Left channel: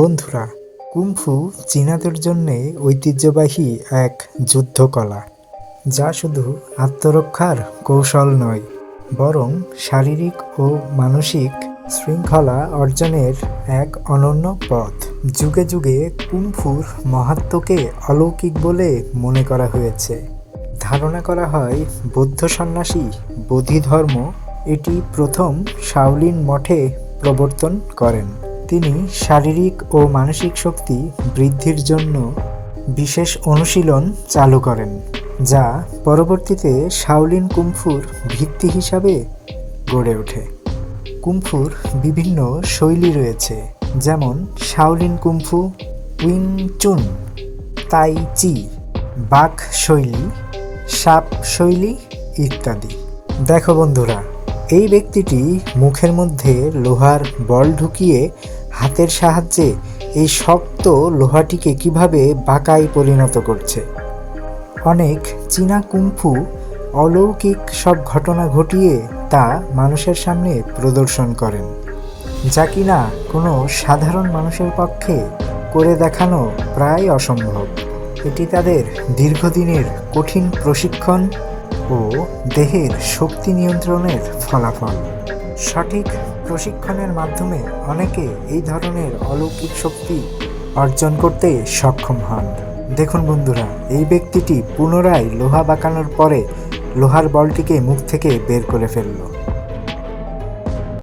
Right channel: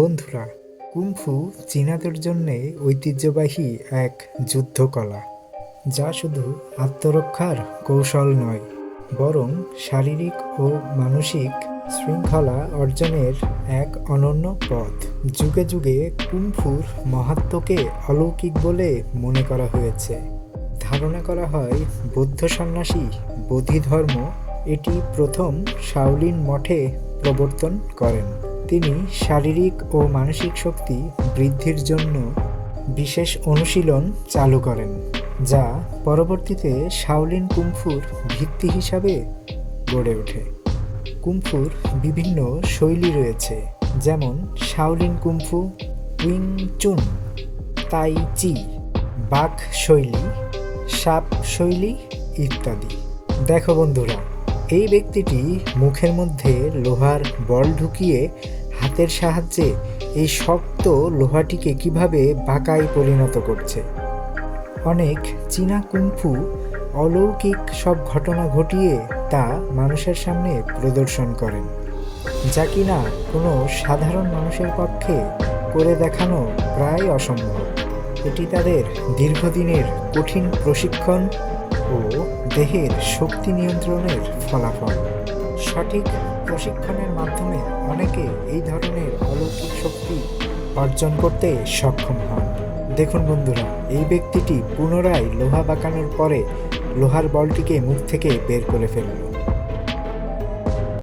বন্ধুরা, কুংফু চীনাদের জন্যে ঐতিহ্যবাহী এক যুদ্ধকলা, যা শুধু আত্মরক্ষার কৌশল নয়, বরং শারীরিক ও মানসিক শৃঙ্খলা অর্জনের এক অনন্য পথ। যুগে যুগে কুংফুর মাহাত্ম্যকে অলৌকিক বলে মনে করা হয়েছে। ধারণা করা হয় বৌদ্ধ সন্ন্যাসী বোধিধর্ম এটি প্রথম শাওলিন মঠে প্রবর্তন করেন। তিনি শারীরিক ও মানসিক শক্তি বৃদ্ধির জন্য বিশেষ অনুশীলন চালু করেন, যা পরবর্তীতে শাওলিন কুংফুর ভিত্তি হিসাবে গড়ে ওঠে। কুংফুর বিভিন্ন শৈলী রয়েছে, যেমন শাওলিন কুংফু, উইং চুন, তাই চি, বাক শৈলী, সাপ শৈলী ইত্যাদি। দেখো বন্ধুরা, এই ব্যক্তিটি মুখের মধ্যে লোহার বল ঢুকিয়ে হাতের সাহায্যে এই শক্ত লোহাটিকে কিভাবে বাঁকায় পরিণত করছে। অনেক চীনা কুংফু অলৌকিক সব ঘটনা ঘটিয়ে তা মানুষের সামনে প্রদর্শন করেন, যা কিনা কোনো সাধারণ মানুষের পক্ষে করে দেখানো প্রায় অসম্ভব। এটি তাদের দীর্ঘদিনের কঠিন প্রশিক্ষণ ও দেহের শক্তি নিয়ন্ত্রণের ফলাফল। সঠিক প্রশিক্ষণের মাধ্যমে অনেকে এই ধরনের অলৌকিক শক্তি অর্জন করতে সক্ষম হন। দেখুন বন্ধুরা, এই ব্যক্তিটি পুনরায় লোহা বাঁকানোর পরে লোহার বলটিকে মুখ থেকে বের করে ফেলল।